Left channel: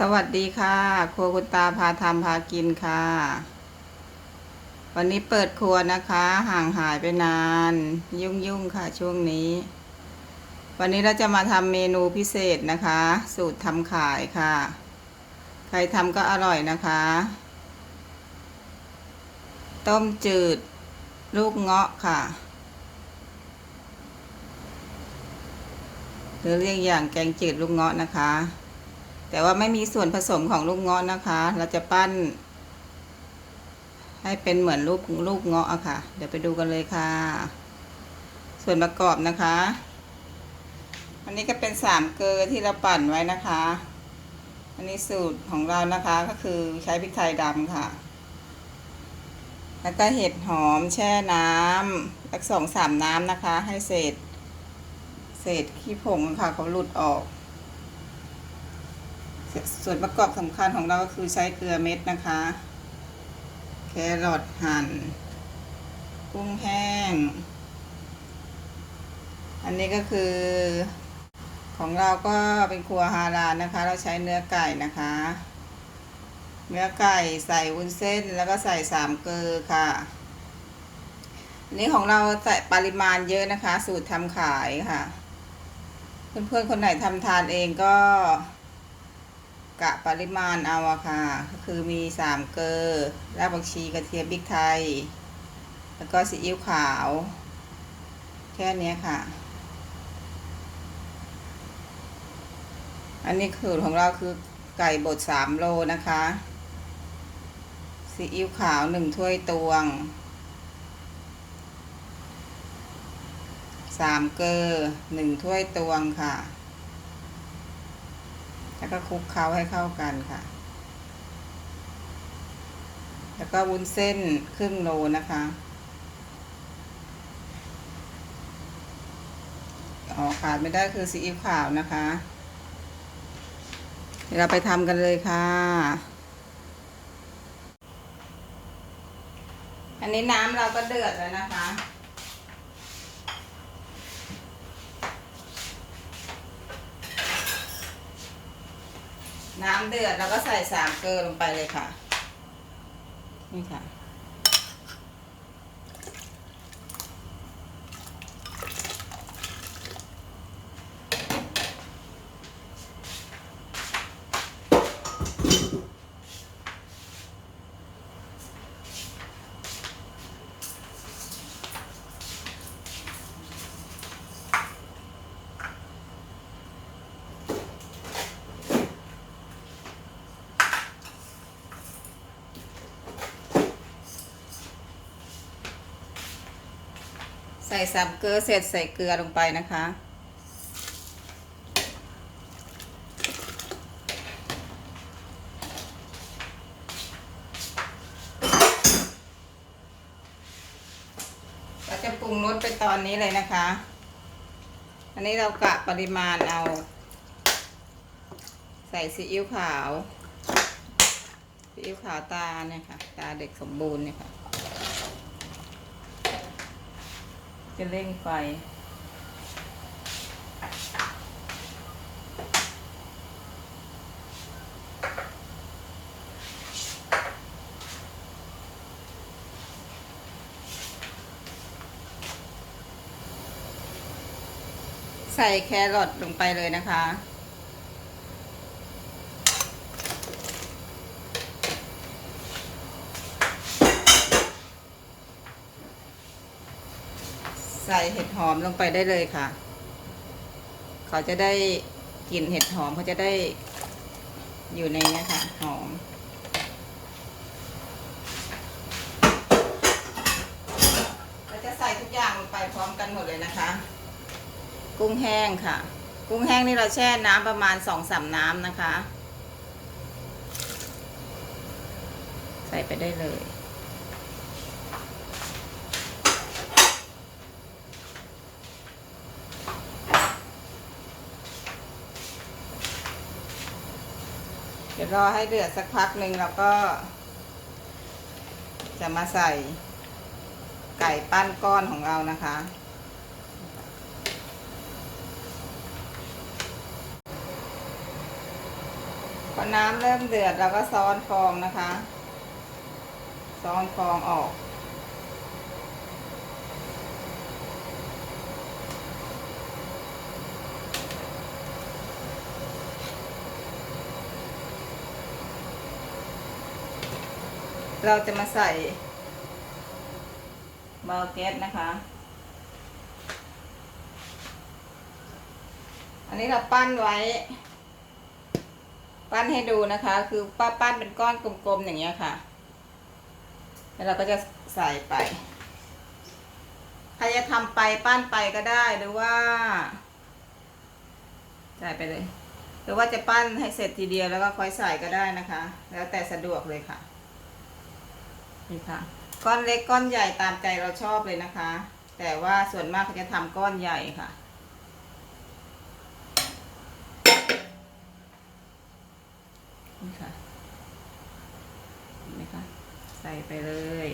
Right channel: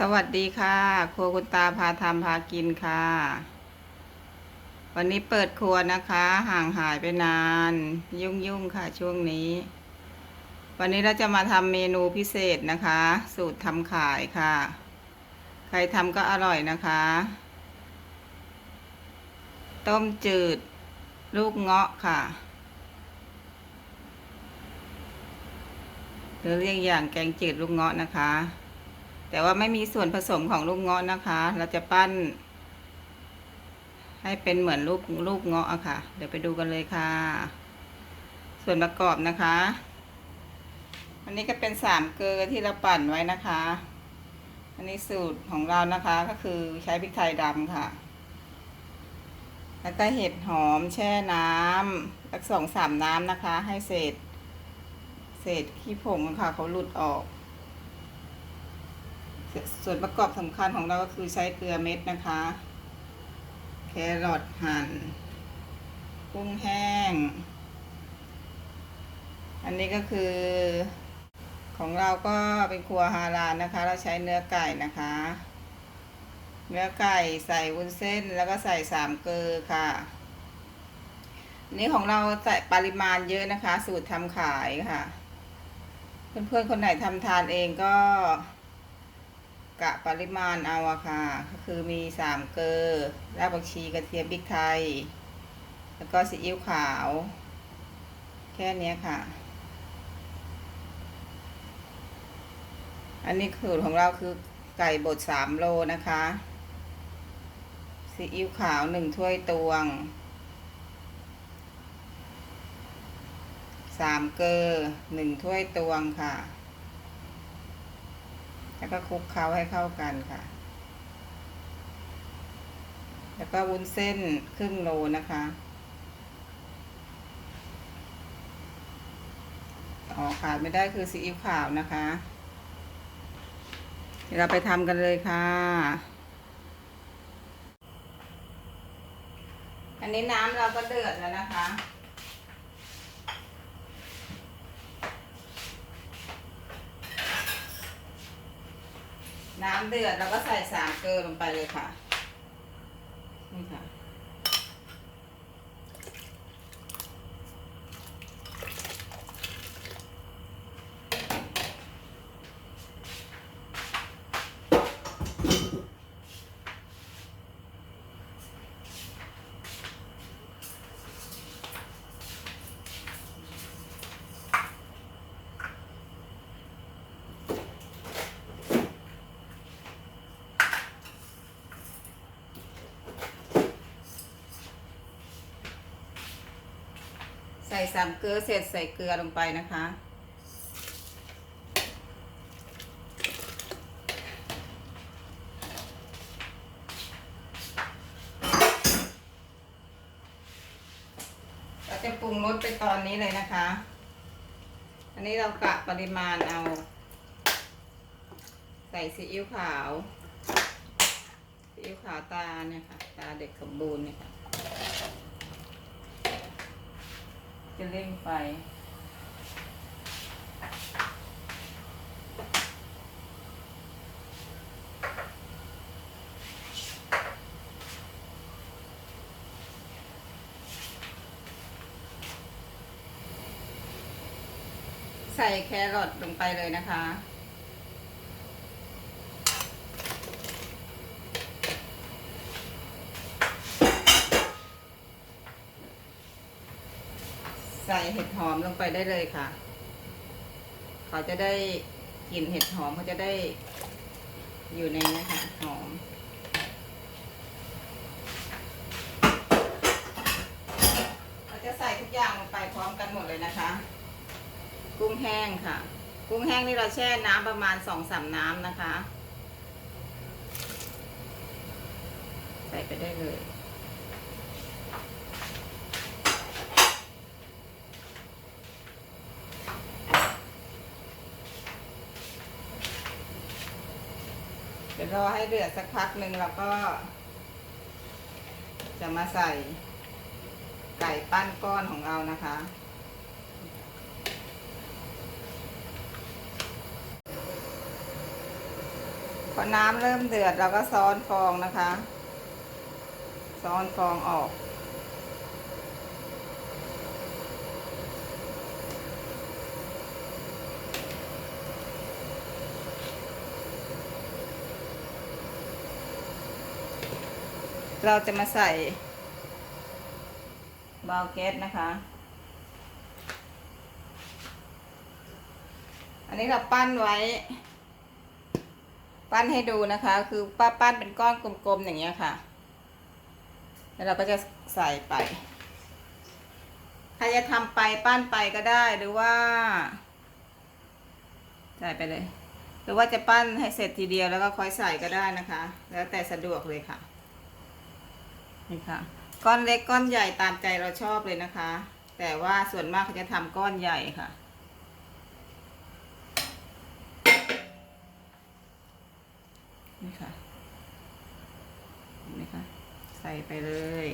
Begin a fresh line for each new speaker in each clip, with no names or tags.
สวัสดีค่ะ ครัวคุณตาพาทำพากินค่ะ วันนี้เปิดครัวนะคะ ห่างหายไปนาน ยุ่งๆค่ะช่วงนี้ วันนี้เราจะมาทำเมนูพิเศษนะคะ สูตรทำขายค่ะ ใครทำก็อร่อยนะคะ ต้มจืด ลูกเงาะค่ะหรือเรียกอย่างแกงจืดลูกเงาะนะคะ แต่ว่าไม่มีส่วนผสมของลูกเงาะนะคะ เราจะปั้น ให้เป็นเหมือนรูปลูกเงาะอะค่ะ เดี๋ยวไปดูกันเลยค่ะ ส่วนประกอบนะคะ อันนี้ก็เป็นสามเกลือที่เราปั่นไว้นะคะ อันนี้สูตรของเรานะคะก็คือใช้พริกไทยดำค่ะ แล้วก็เห็ดหอมแช่น้ำสักสองสามน้ำนะคะ ให้เศษ เศษขี้ผงค่ะเขาหลุดออก ส่วนประกอบสำคัญของเราก็คือใช้เกลือเม็ดนะคะ แครอทหั่นกุ้งแห้ง อันนี้ก็คือ ของเราก็เป็นครัวฮาลาลนะคะ เราใช้เนื้อไก่นะคะ เนื้อไก่ใส่วุ้นเส้นแล้วก็ใส่สามเกลือค่ะนนี้ของเราใส่ปริมาณเยอะนะคะ สูตรทำขายค่ะ เพื่อนๆคนไหนทำทานเองก็ กะปริมาณเอาอะค่ะ ก็คือมีสามเกลือรากผักชีกระเทียมพริกไทย แล้วก็ซีอิ๊วขาว แค่นี้ค่ะ อันนี้สูตรของเราคือไก่บดสามโลนะคะซีอิ๊วขาวหนึ่งถ้วยตวงสามเกลือหนึ่งถ้วยตวงค่ะ แล้วก็คลุกเคล้าให้เข้ากันค่ะ แล้วก็วุ้นเส้นครึ่งโลนะคะอ๋อขาดไม่ได้คือซีอิ๊วขาวนะคะเดี๋ยวเราไปทำกันเลยค่ะ อันนี้น้ำเราก็เดือดแล้วนะคะ น้ำเดือดแล้วก็ใส่สามเกลือลงไปเลยค่ะ นี่ค่ะ ส่สามเกลือเสร็จใส่เกลือลงไปนะคะ เราจะปรุงรสไปตอนนี้เลยนะคะ อันนี้เรากะปริมาณเอา ใส่ซีอิ๊วขาวซีอิ๊วขาวตาเนี่ยค่ะ ตาเด็กสมบูรณ์เนี่ยค่ะ จะเร่งไฟ ใส่แครอทลงไปเลยนะคะ ใส่เห็ดหอมลงไปได้เลยค่ะ เขาจะได้กลิ่นเห็ดหอมเขาจะได้อยู่ในนี้ค่ะหอม เราจะใส่ทุกอย่างลงไปพร้อมกันหมดเลยนะคะ กุ้งแห้งค่ะ กุ้งแห้งนี่เราแช่น้ำประมาณสองสามน้ำนะคะ ใส่ไปได้เลย เดี๋ยวรอให้เดือดสักพักหนึ่งแล้วก็ จะมาใส่ไก่ปั้นก้อนของเรานะคะ พอน้ำเริ่มเดือดเราก็ซ้อนฟองนะคะ ซ้อนฟองออก เราจะมาใส่เบาแก๊สนะคะ อันนี้เราปั้นไว้ ปั้นให้ดูนะคะ คือป้าปั้นเป็นก้อนกลมๆอย่างเงี้ยค่ะ แล้วเราก็จะใส่ไปใครจะทำไปปั้นไปก็ได้หรือว่าใส่ไปเลย หรือว่าจะปั้นให้เสร็จทีเดียวแล้วก็ค่อยใส่ก็ได้นะคะ แล้วแต่สะดวกเลยค่ะ นี่ค่ะ ก้อนเล็กก้อนใหญ่ตามใจเราชอบเลยนะคะ แต่ว่าส่วนมากเขาจะทำก้อนใหญ่ค่ะนี่ค่ะเห็นไหมคะใส่ไปเลย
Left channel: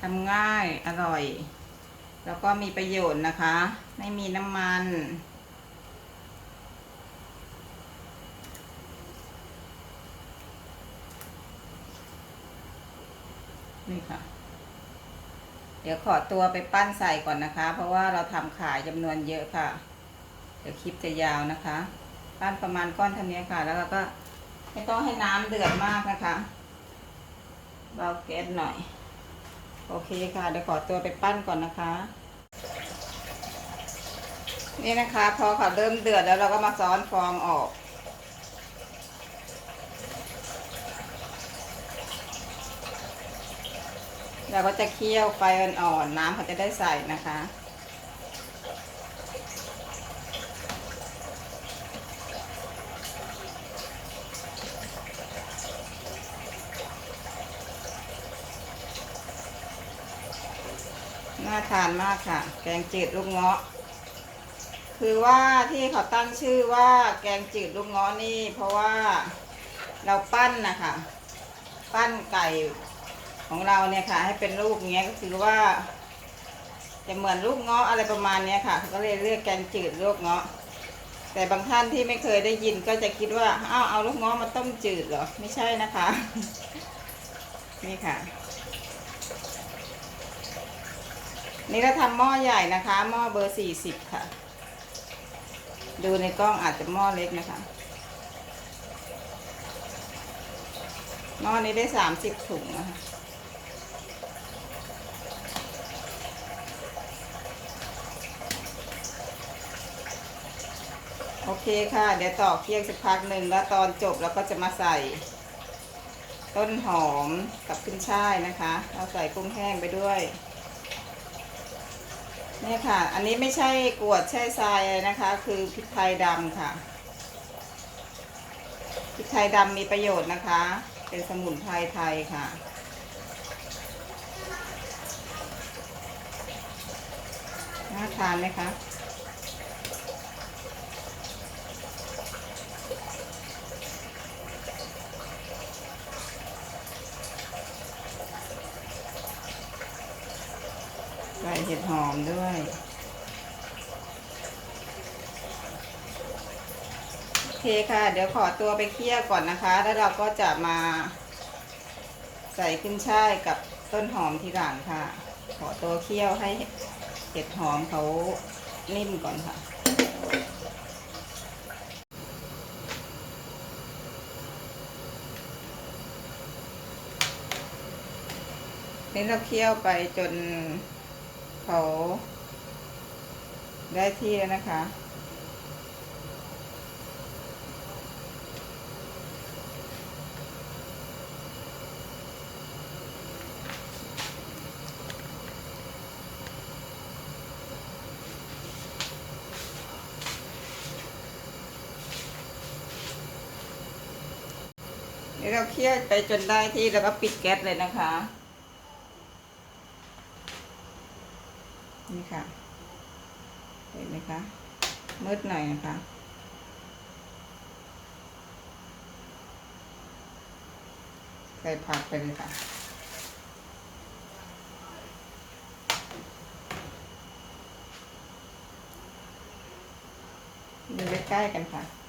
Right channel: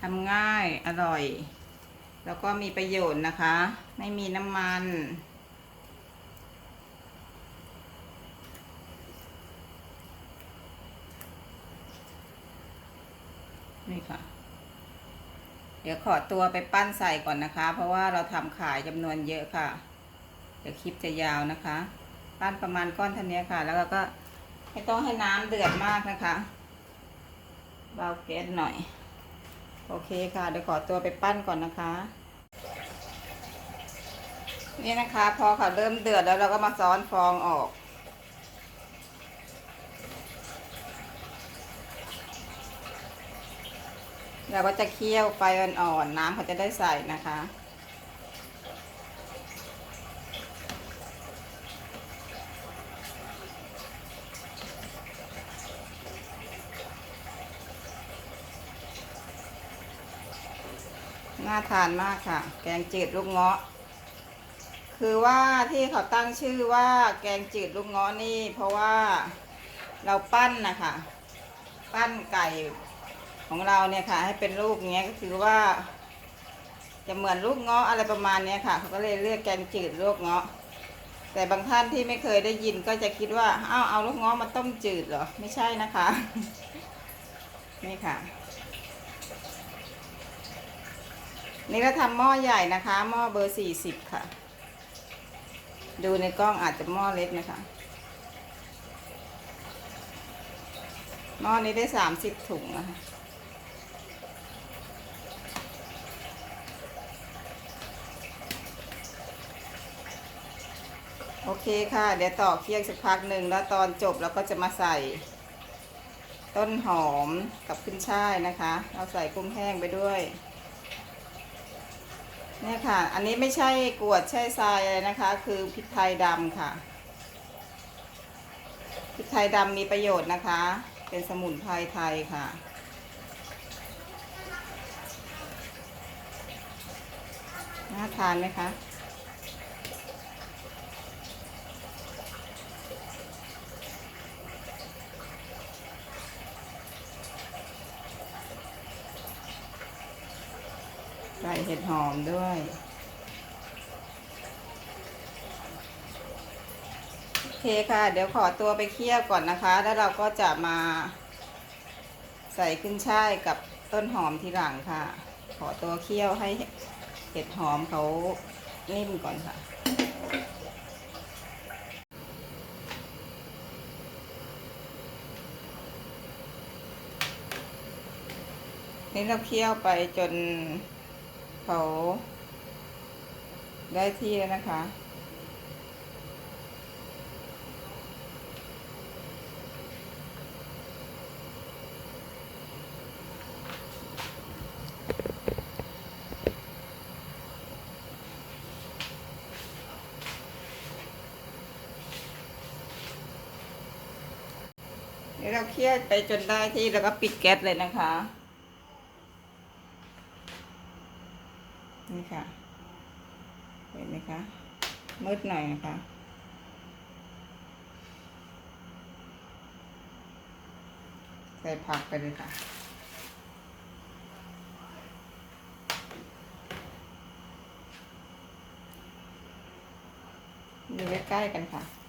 ทำง่ายอร่อย แล้วก็มีประโยชน์นะคะ ไม่มีน้ำมัน นี่ค่ะ เดี๋ยวขอตัวไปปั้นใส่ก่อนนะคะ เพราะว่าเราทำขายจำนวนเยอะค่ะ เดี๋ยวคลิปจะยาวนะคะ ปั้นประมาณก้อนเท่านี้ค่ะ แล้วเราก็ไม่ต้องให้น้ำเดือดมากนะคะเบาแก๊สหน่อย โอเคค่ะ เดี๋ยวขอตัวไปปั้นก่อนนะคะ นี่นะคะ พอเขาเริ่มเดือดแล้วเราก็มาซ้อนฟองออก เราก็จะเคี่ยวไฟอ่อนๆน้ำเขาจะได้ใส่นะคะ น่าทานมากค่ะ แกงจืดลูกเงาะ คือว่าที่เขาตั้งชื่อว่าแกงจืดลูกเงาะนี่ เพราะว่าเราปั้นนะคะ ปั้นไก่ ของเราเนี่ยค่ะ ให้เป็นลูกเงี้ยก็คือว่า จะเหมือนลูกเงาะอะไรประมาณเนี้ยค่ะเขาก็เลยเรียกแกงจืดลูกเงาะ แต่บางท่านที่ไม่เคยได้ยินก็จะคิดว่าอ้าวเอาลูกเงาะมาต้มจืดเหรอไม่ใช่นะคะ นี่ค่ะ นี่ก็ทำหม้อใหญ่นะคะหม้อเบอร์สี่สิบค่ะ ดูในกล้องอาจจะหม้อเล็กนะคะหม้อนี้ได้สามสิบถุงนะคะ เคค่ะ เดี๋ยวต่อเคี่ยวสักพักหนึ่งแล้วตอนจบเราก็จะมาใส่ ต้นหอมกับขึ้นช่ายนะคะเราใส่กุ้งแห้งไปด้วยเนี่ยค่ะ อันนี้ไม่ใช่กวดใช่ทรายนะคะ คือพริกไทยดำค่ะพริกไทยดำมีประโยชน์นะคะ เป็นสมุนไพรไทยค่ะ น่าทานไหมคะ หอมด้วย โอเคค่ะ เดี๋ยวขอตัวไปเคี่ยวก่อนนะคะ แล้วเราก็จะมา ใส่ขึ้นช่ายกับต้นหอมทีหลังค่ะ ขอตัวเคี่ยวให้เห็ดหอมเขานิ่มก่อนค่ะนี่เราเคี่ยวไปจน เขาได้ที่แล้วนะคะนี่เราเคี่ยวไปจนได้ที่แล้วก็ปิดแก๊สเลยนะคะ มืดหน่อยนะคะใส่ผักไปเลยค่ะ ดูใกล้ๆกันค่ะ